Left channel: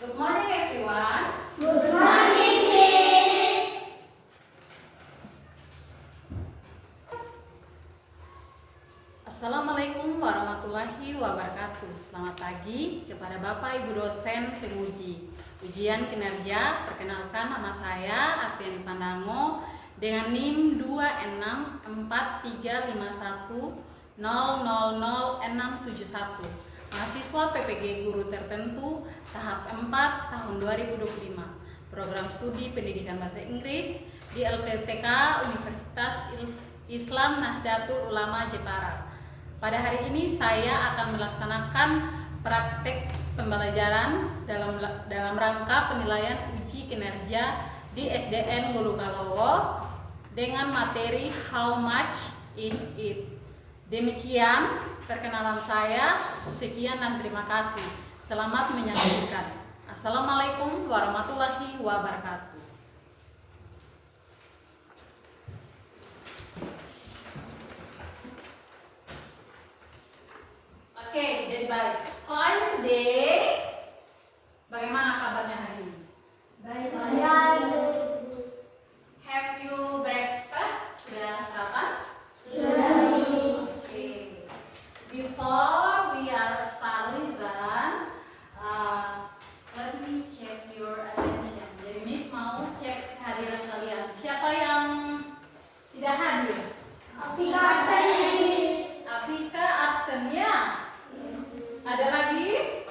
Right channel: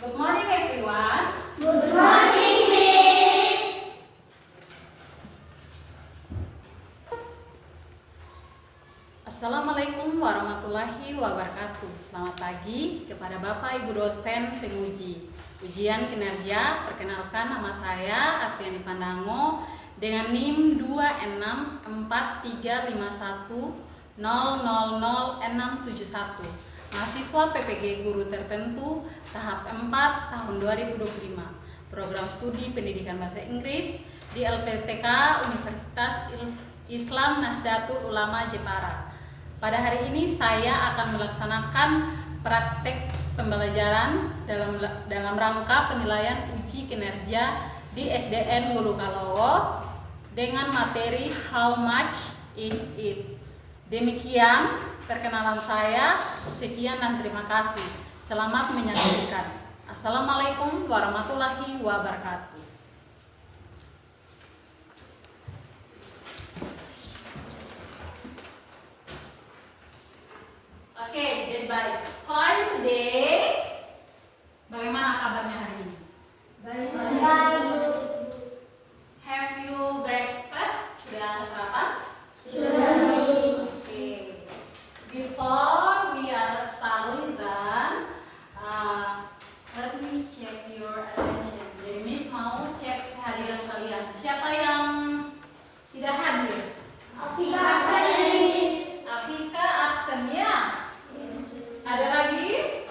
Good morning everyone. Good morning, Miss. Assalamualaikum warahmatullahi wabarakatuh. Selamat pagi kepada Bapak Ibu dosen penguji ujian kinerja. Perkenalkan, nama saya Afiani Pandango dengan NIM 2643510000671, mahasiswa PPG Guru Tertentu tahap 4 tahun 2025, program studi pendidikan bahasa Inggris di LPTK Universitas Islam Nahdlatul Ulama Jepara. Pada hari ini saya akan melaksanakan praktek pembelajaran dalam rangka penilaian uji kinerja di SDN Ngulukalowo dengan materi How much is it? Demikian perkenalan saya, sekian dan terima kasih. Selamat menyaksikan. Assalamualaikum warahmatullahi wabarakatuh. Oke, jadi baik. How are you today? Bagaimana kabarnya hari ini? Baik. Have you breakfast? Sudah sarapan? Sudah, Miss. Okay. Before we are starting, let me check your attention. Jadi Miss mau cek kehadiran kalian. Siapa yang tidak hadir? Afika absen, Miss. Afika absen ya. Ada lagi?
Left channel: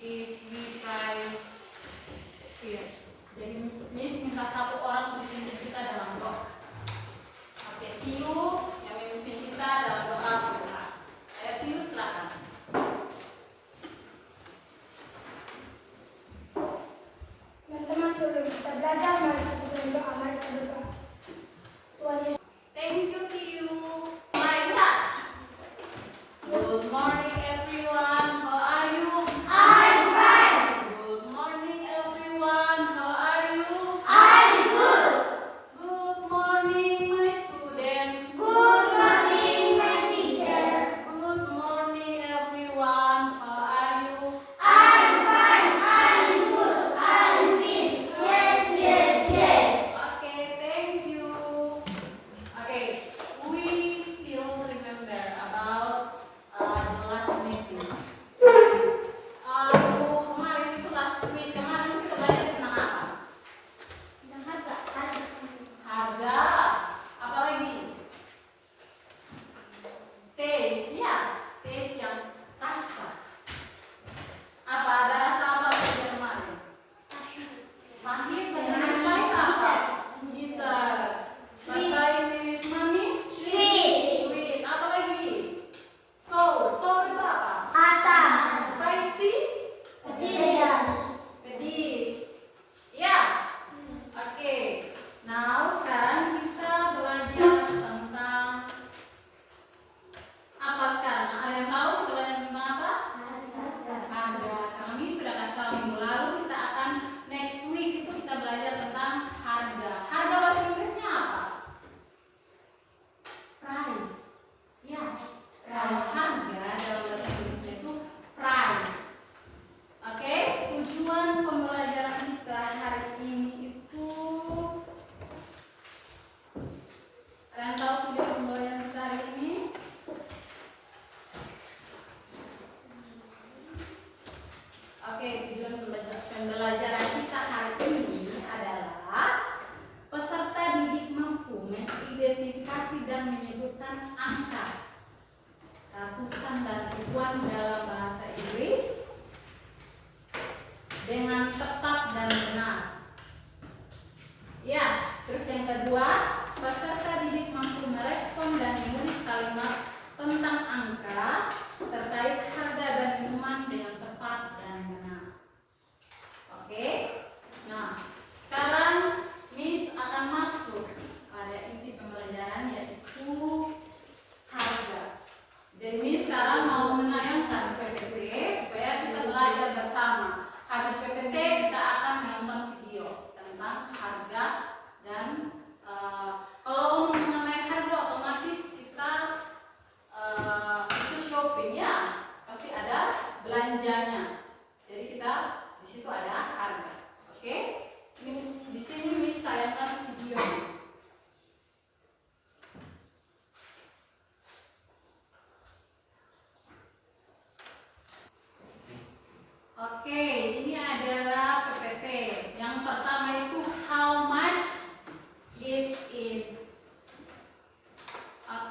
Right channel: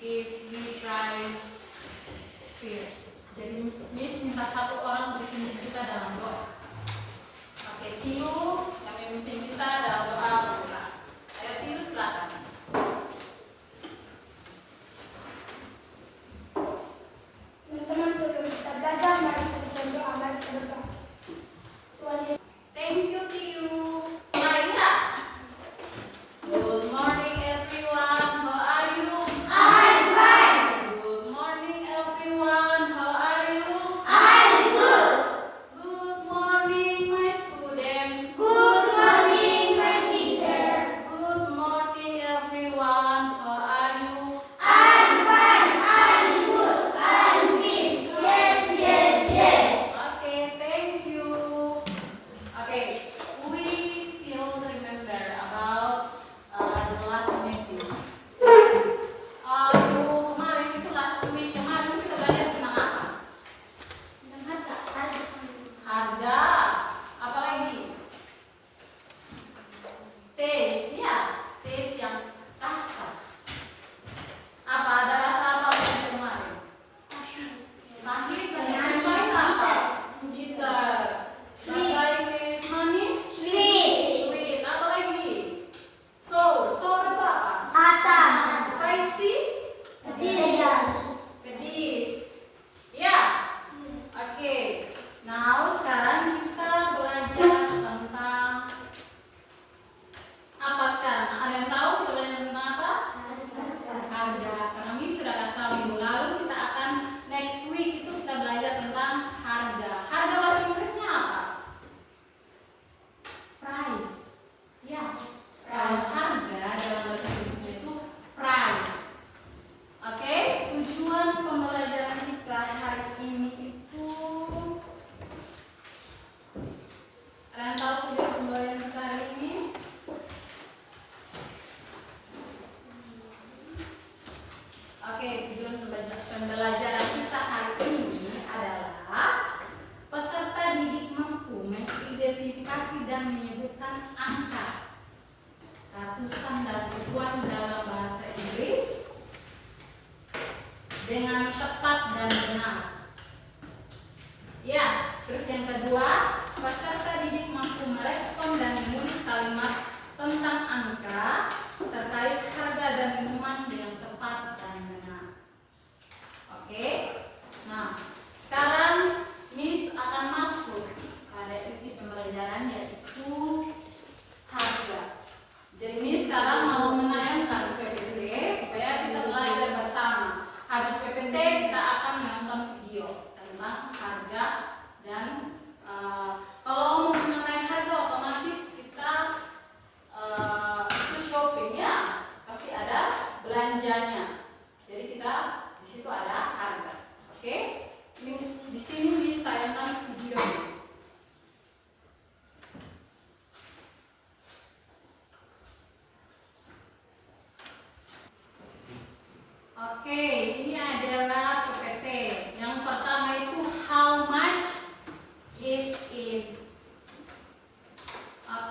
If we try first. Jadi Miss minta satu orang untuk memimpin kita dalam doa. Oke, Tiu yang memimpin kita dalam doa. Ayo Tiu, silakan. Teman-teman, sebelum kita belajar, mari kita berdoa. Mari kita berdoa. Tuhan Yesus. Thank you Tiu. Maya. Good morning everyone. How are you? I'm fine. Good morning everyone. How are you? I'm good. Good morning my students. Good morning, my teachers. Good morning everyone. How are you? I'm fine. I'm good. I'm fit. Yes, yes, yes. Okay, thank you. Okay, we still remember about the last meeting. Kemarin itu last week kemarin kita belajar tentang apa? Tentang harga. Harga. Apa lagi? Taste, ya. Taste yang rasa. Apa ada rasa apa lagi kemarin? Manis, manis apa? Bitter. Bahasa Inggris manis? Sweet. Sweet. Apa lagi? Sour. Sour itu apa? Asam. Spicy? Pedas. Pedis. Ya. Oke. Now sekarang kita belajar tentang apa sekarang? Ada yang tahu kita belajar tentang apa? Harga. Karena Miss sudah kasih tahu minggu lalu, kita akan next week itu kita belajar tentang harga. Harga bahasa Inggrisnya apa? Price. Ya. Kalau harga dalam bahasa Inggrisnya itu price. Oke, tujuan pembelajaran kita hari ini itu, ada yang tahu tujuan pembelajaran kita hari ini? Oke, tujuan pembelajaran kita hari ini adalah peserta didik mampu mengidentifikasi dan menyebutkan angka, ratusan dan ribuan dalam bahasa Inggris dengan tepat dan benar. Ya, terus yang kedua, peserta didik mampu merespon dan menulis kalimat tentang angka terkait harga dan minuman dengan tepat dan benar. Oke. Nah, sekarang Miss akan masuk pada inti pembelajaran, yaitu harga. Jadi Miss sekarang mau menayangkan PPT supaya kita belajar bersama. Habis PPT kita akan menonton video tentang harga dan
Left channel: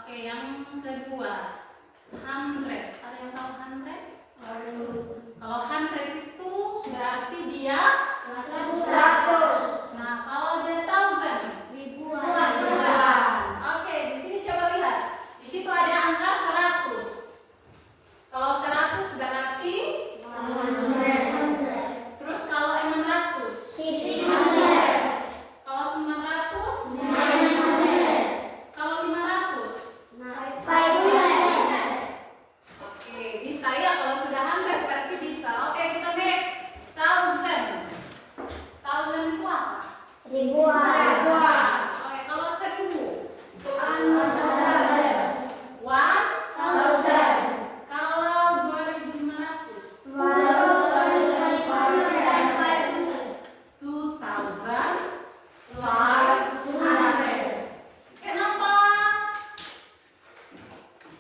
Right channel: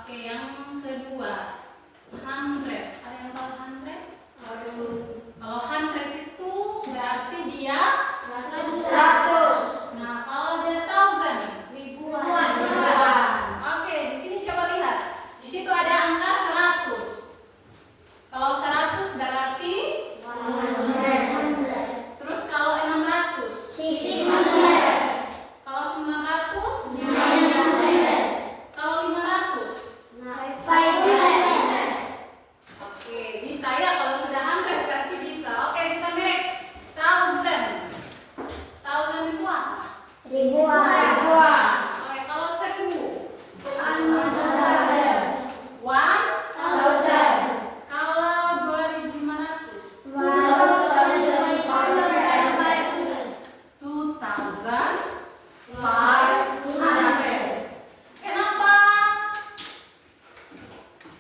Oke, yang kedua, 100. Ada yang tahu 100? Kalau 100 itu berarti dia 100. Nah, kalau dia 1000, ribuan. Oke, di sini coba lihat. Di situ ada angka 100. Kalau 100 berarti 100. Terus kalau 600, 600. Kalau 900, 900. Kalau 500, 500. Oke, bisa ya kalau sudah 100 berarti bisa. Oke, kita next. 1000. 1000 itu apa? Ribuan. Oke, kalau 1000. 1,000. 1000. Kalau 2500. 2500. Kenapa?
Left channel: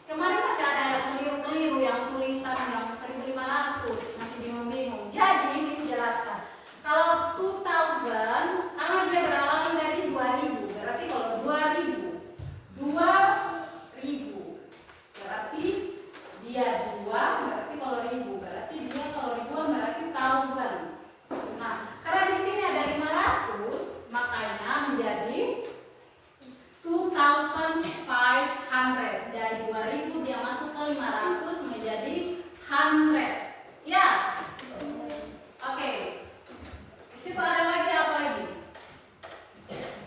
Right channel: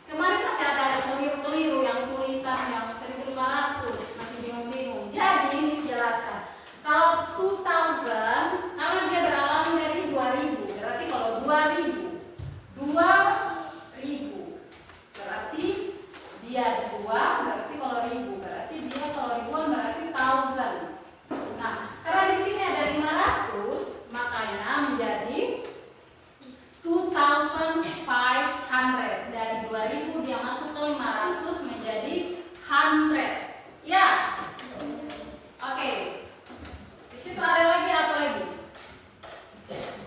Kemarin masih ada yang keliru-keliru yang tulisan yang 1500, masih bingung-bingung. Jadi ini dijelaskan. Kalau 2000 karena dia berawal dari 2000, berarti kalau 2000 berarti dia 2, berarti kalau 1000 berarti dia kalau ribuan berarti 1000. Nah, karena di sini ada 500, makanya menjadi 2500. Dari 2000 dia masuk ke 500 menjadi 100. Ya. Oke. Di situ ada lagi apa lagi?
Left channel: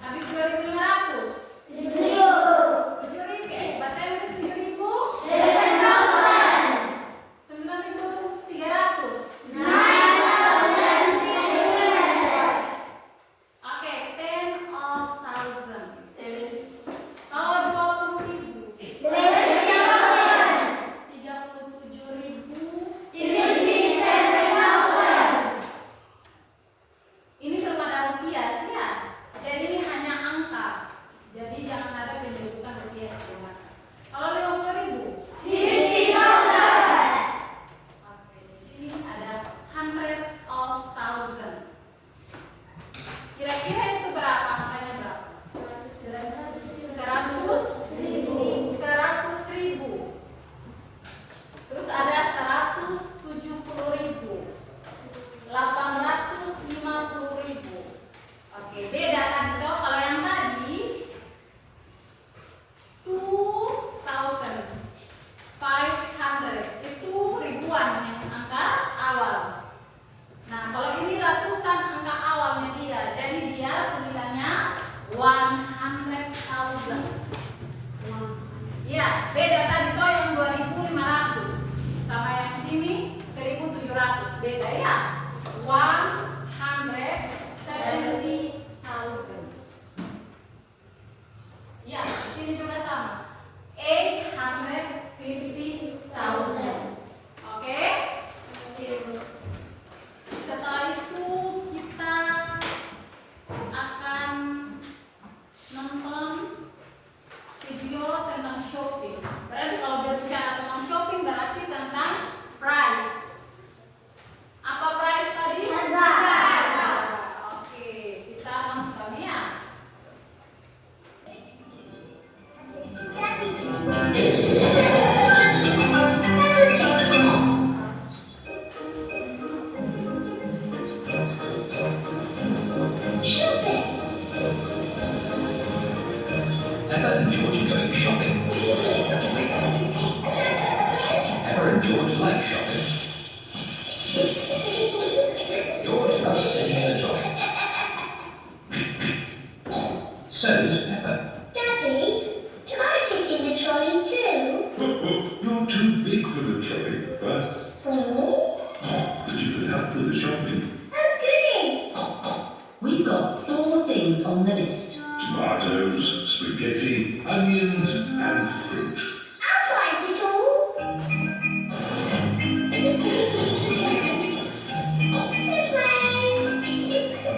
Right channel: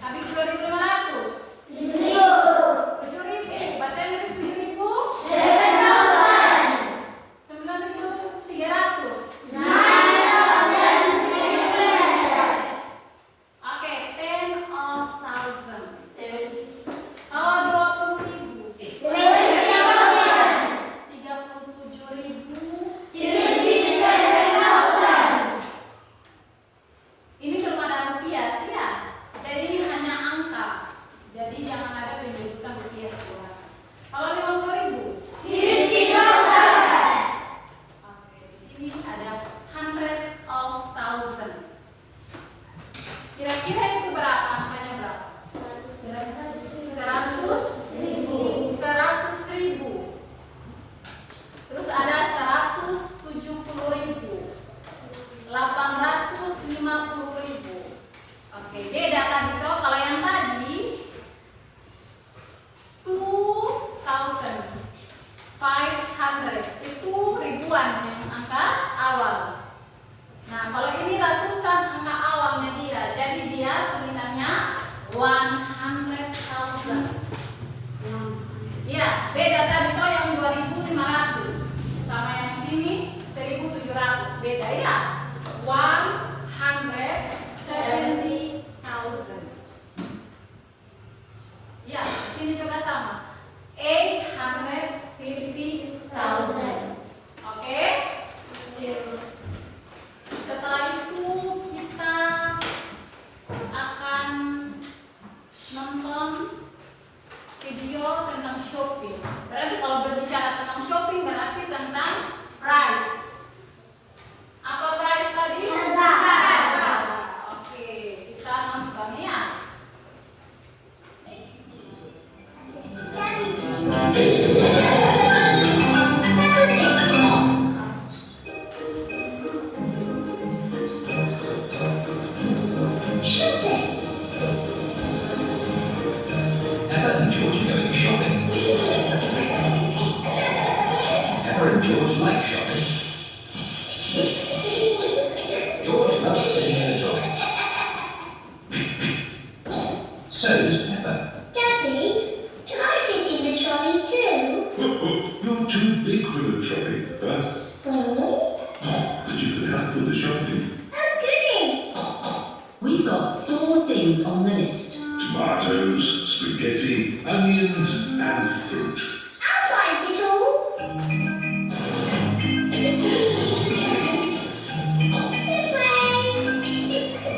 Habis 2500. 7000. Bahasa Inggris 7000. 9300. Oke, 10,000. Kalau 20.000, 37.000. Ini belum ada rupiah sih ya. Jadi ini hanya angka. Jadi jangan ada penyebutan rupiah sekolah. Kalau 50.000, 50,000. Oke, di sini ada 100,000. Kira-kira itu berapa? Angkanya berapa? 100.000. Terus ada 170.000, 850.000. Oke, beda tadi toh. Kalau yang tadi 2,500 itu ribuan yang angka awal. Nah, kalau ini ratusan angka awalnya dia. Jadi dia tulisannya 100,000. Ya, beda tadi toh yang 2.500 sama yang sini 1.700. Beda ya. 170,000. Ya, di sini juga sama. 850,000. Oke? Setelah itu kita akan nonton video tentang shopping. Berarti kalau berbicara tentang shopping berarti tentang price. Apa price tadi? Harga. Oke, kita nonton ya. Pepper and George are going shopping. Pepper and George like shopping. George loves sitting in a trolley. So does Pepper. Daddy, can I sit in the trolley too? You're too big for the trolley, but you can help with the shopping. Oh, goody! We've got 4 things on the list. Tomatoes, spaghetti, onions, and fruit. I'll find it all. This way.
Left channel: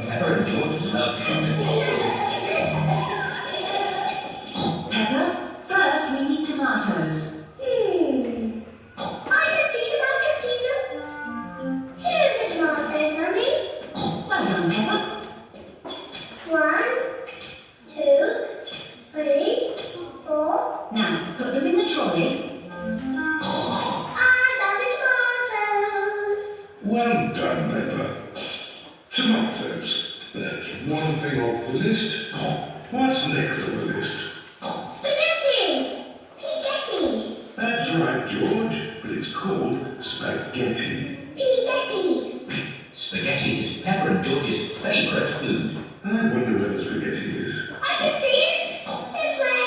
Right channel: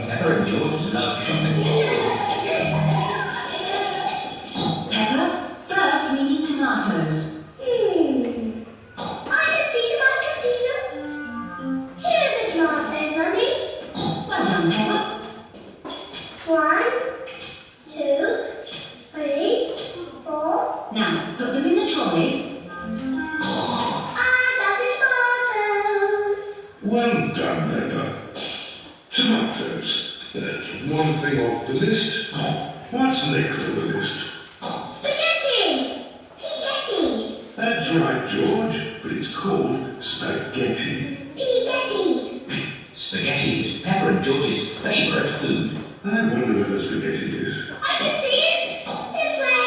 Pepper and George love shopping. Pepper, first we need tomatoes. I can see them. Here are the tomatoes, Mum. put them in the trolley. I got the tomatoes. Well done, Peppa. Tomatoes. That's one thing off the list. What's next on the list? Spaghetti. Spaghetti. That's right, George, but it's called spaghetti. Spaghetti. Spaghetti is Peppa and George's favourite food. I wonder where the spaghetti is. I can see it. This way.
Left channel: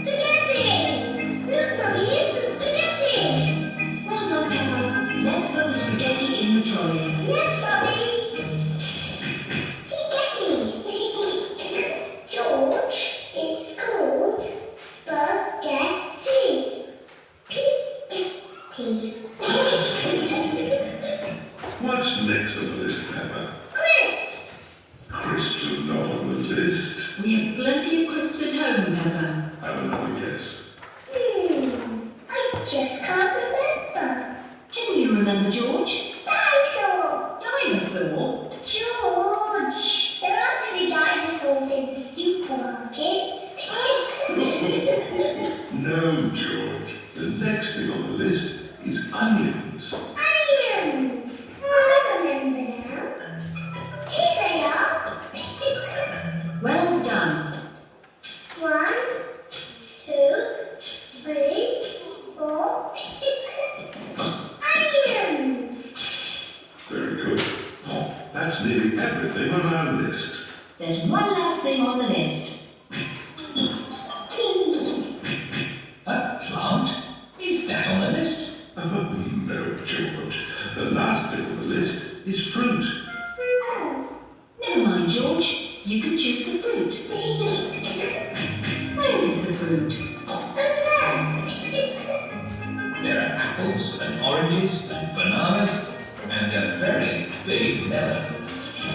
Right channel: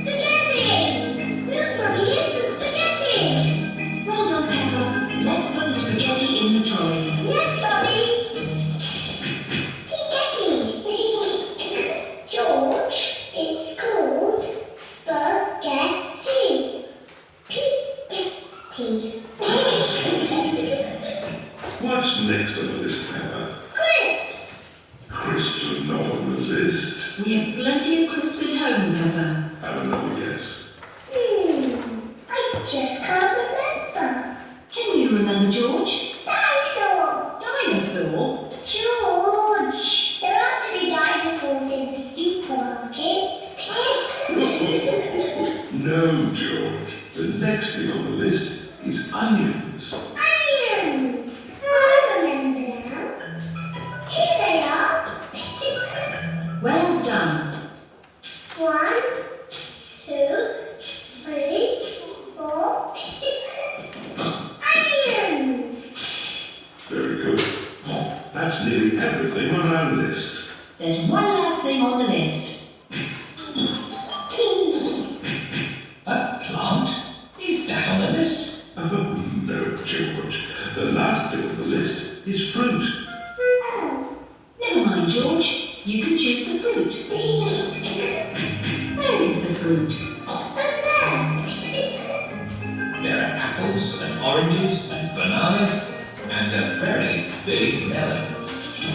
Spaghetti. Look, Mummy, here's the spaghetti. Well done, Peppa. Let's put the spaghetti in the trolley. Yes, Mummy. Spaghetti. George, it's called spaghetti. Spaghetti. What's next on the list, Peppa? Crisps. Crisps are not on the list. We have plenty of crisps at home, Peppa. Have another guess. I just can't remember. Can you remember, George? Dinosaur. Dinosaur? George, there are actually dinosaurs in the supermarket. No, George. The next thing on the list is onions. Onions. I remember now. Here they are. Well done. 1, 2, 3, 4. Onions. Very good. That's nearly everything on our list. There's one last thing on the list. A plant? Is that on the list? Oh, no, George. The last thing on the list is fruit. Oh. Never mind, George. You can choose the fruit. Where is the fruit? Over there. There are apples and oranges and bananas and a very big melon.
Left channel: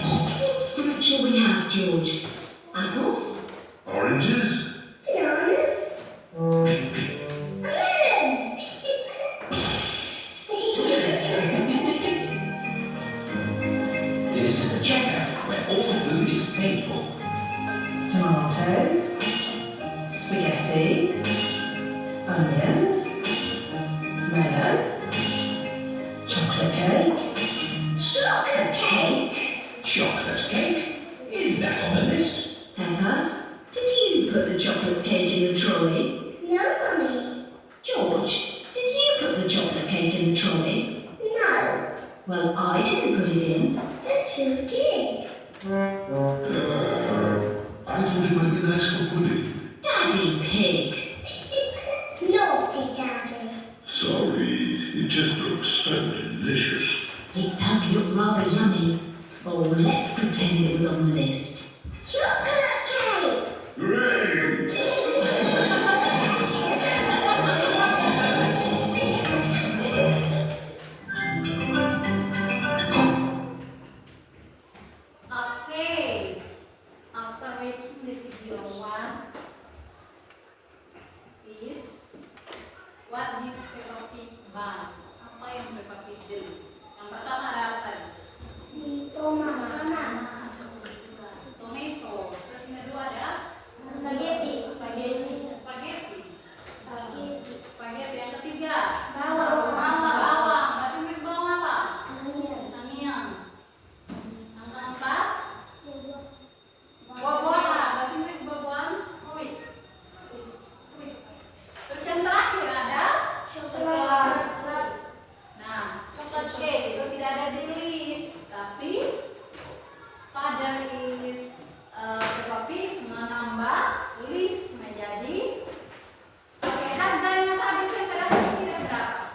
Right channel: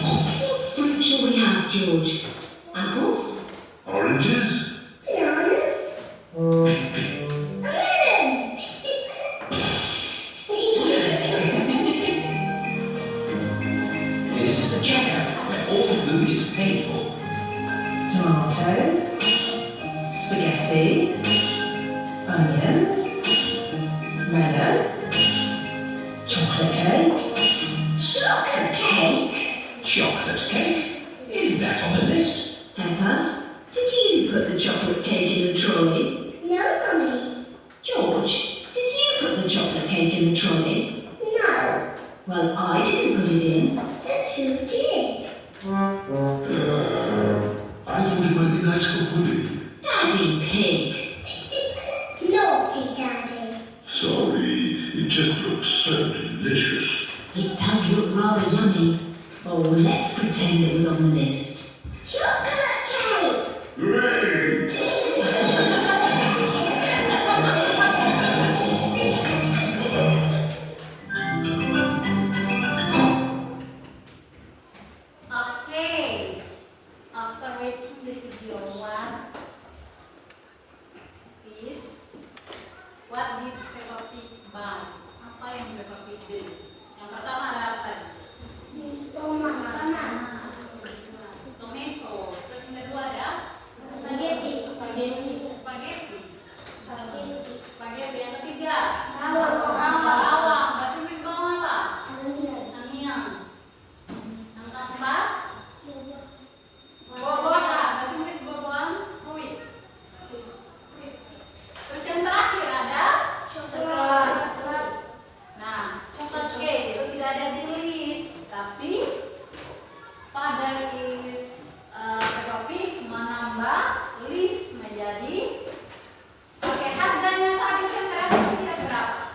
What fruit shall we have, George? Apples? Oranges? Bananas. A melon. This is the checkout where all the food is paid for. Tomatoes, spaghetti, onions, melon, chocolate cake. Chocolate cake. Chocolate cake? Is that on the list? Peppa, did you put the chocolate cake in the trolley? No, Mummy. George, did you put the chocolate cake in the trolley? No. Well, I didn't put it in. Then who did? I thought it might be nice for pudding. Daddy Pig. Naughty Daddy. Sorry, it just looks so delicious. It does look rather yummy. Oh, let's pretend it was on the list. Chocolate cake. Great! Okay, after watching the video one is what did Peppa Pig buy? Apa yang Peppa Pig beli? Yang pertama ada apa tadi? Tomato. Terus yang kedua ada Spaghetti. spaghetti. Yang ketiga Bawang. bawang. Bahasa Inggris bawang apa? Onion. Onions. Yang keempat buah-buahan. Bahasa Inggris buah-buahan fruit. Terus yang terakhir ada Coklat. nah chocolate cake itu tidak ada di list, tapi pada list Peppa Pig menambah list menjadi oke, harganya tadi kira-kira berapa?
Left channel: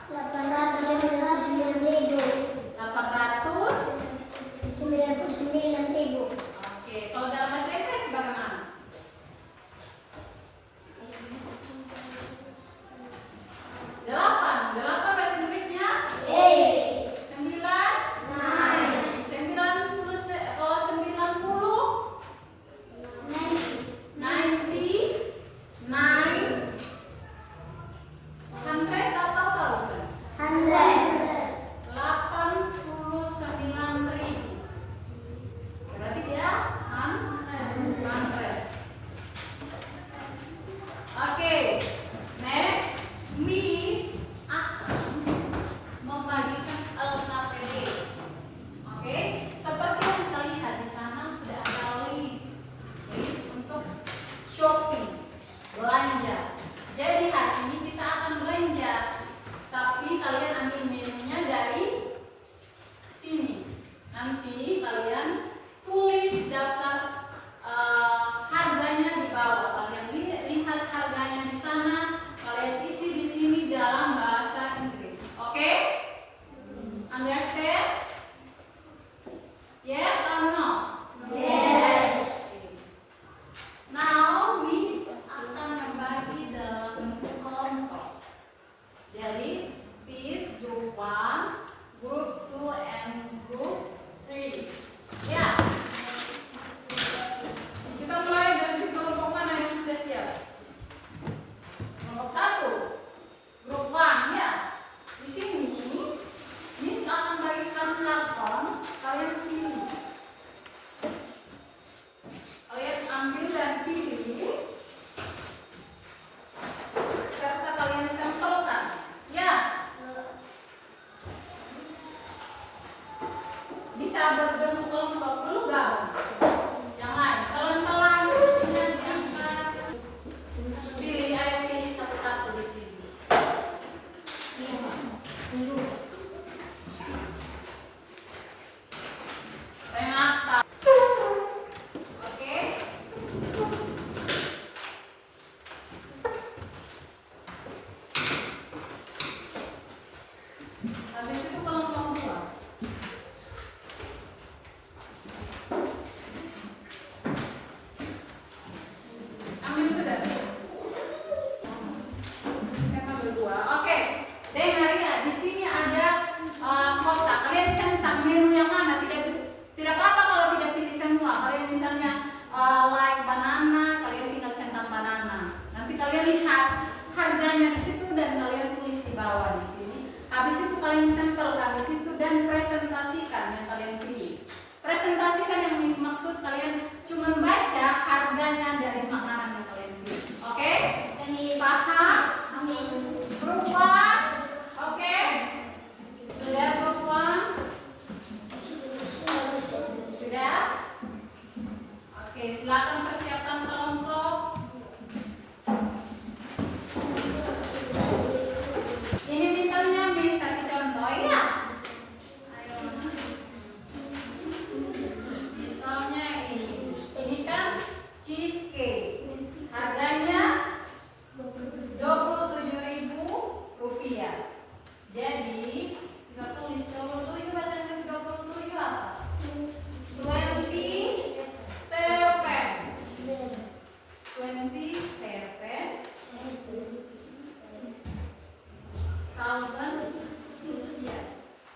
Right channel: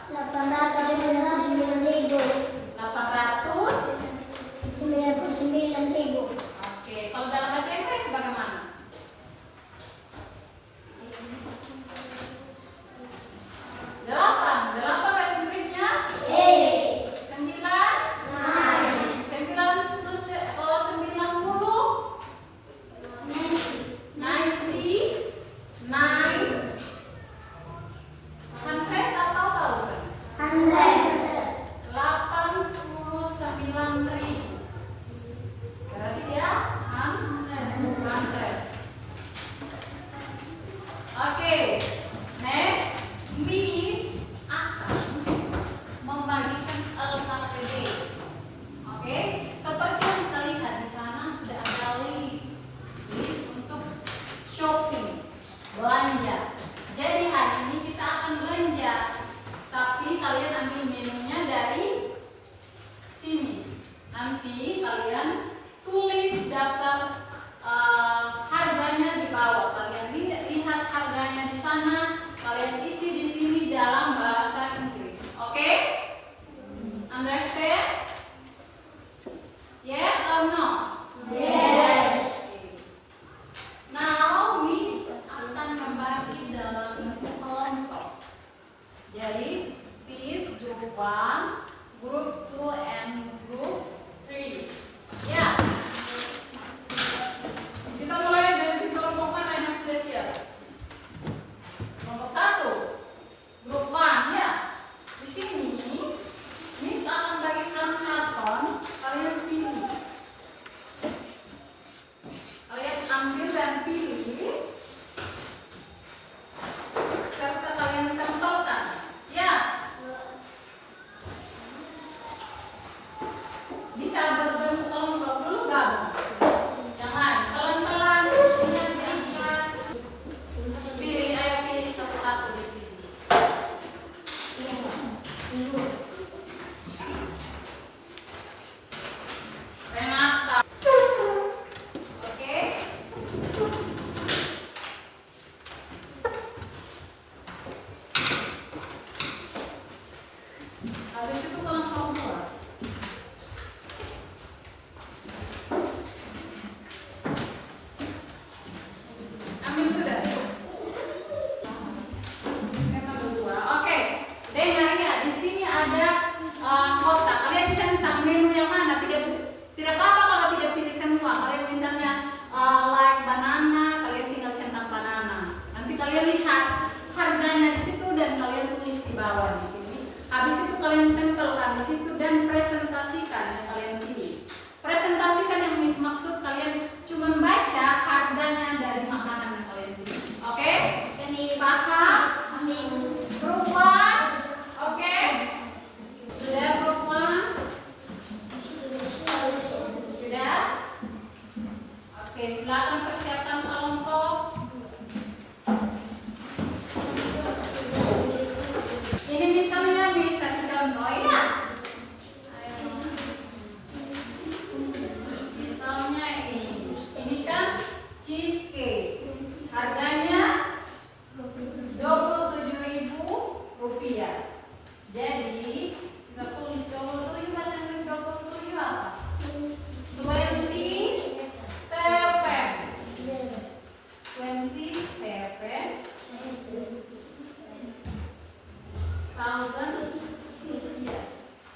Dengar ya, di sini ada kotak. Kalian centang menu yang mana? Tidak apa-apa kalau tidak pilih semua. Kalian misalnya like banana, kalian tinggal centang banana. Nanti kalian lihat harganya di situ dan kalian tulis di bawah di sini. Habis itu kalian tempelkan di situ dan presentasikan yang kalian pilih. Presentasikan yang maksud kalian cuma baca harganya dari makanan yang kalian pilih. Oke? Paham? Perempuan? Oke? Sudah perempuan? Sudah? Oke, silakan persiapkan kelompok. Ini misalnya Miss kasih contoh ya. Ayo. Misalnya ini kan cheesecake. Harganya Rp27.000. Jadi kita tulis 27 bahasa Inggris 27 apa? 27,000.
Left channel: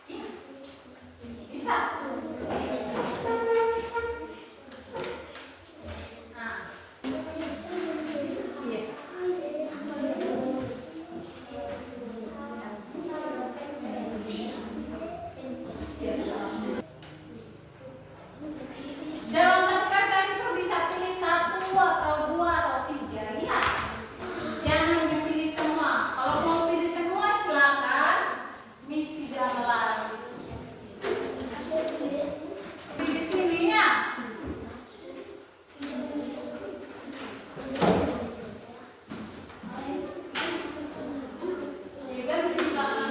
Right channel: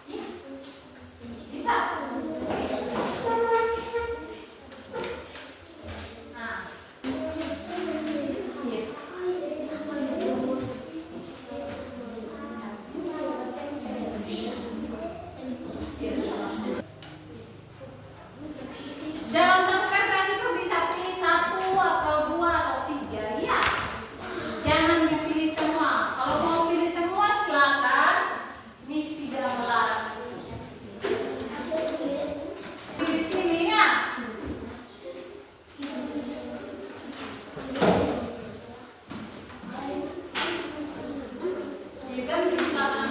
Iya. Bisa. Nah. Sip. Dalam satu kertas itu bisa pilih 1 atau 2 atau 3 ya. Jangan dipilih semua. Kalau mau pilih semua silakan. Miss tidak melarang. Di sini ya. Jadi kan silakan